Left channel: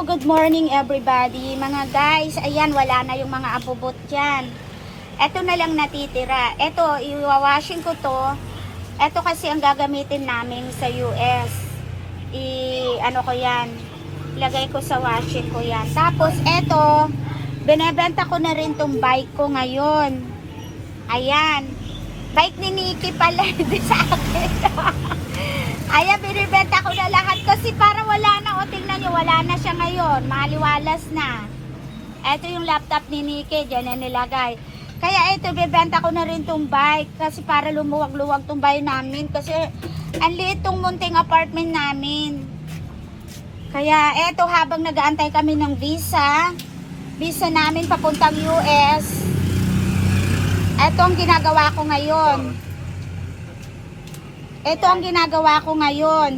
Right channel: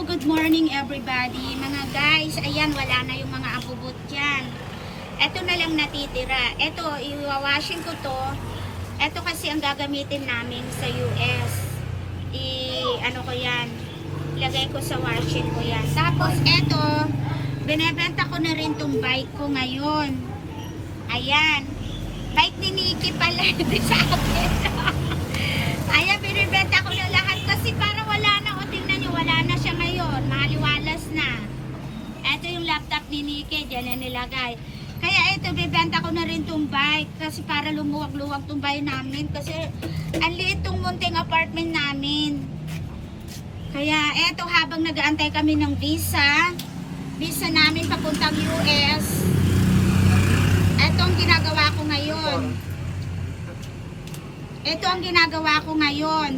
Hello, good morning everybody. Mga guys, ayan, wala na yung mga abubot dyan. Ito na lang natitira. Ito, iwawashing ko to. Ito kasi ang gagamitin namin sa US. Ano ko yan, ilagay ko sa washing ko yan. Tapos, ito, binebenta ko na rin tong bike ko ngayon. Ayan. Bike ni Nikki pala, hindi sa akin. Ayan, binibenta ko na lahat kasi parang wala na. O, tingnan nyo, wala na siya ngayon. Maliwalas na. Ito yung laptop ni Nikki, dyan na nilagay. Kaya ito, bibenta ko na rin tong bike kasi para lumuwag-luwag tong bahay namin. Kasi ang liit tong munting apartment namin. Kaya eto, habang nag-aantay kami ng visa namin papuntang US, eto ang ginagawa ko ngayon. Ito ang ginagawa ko ngayon.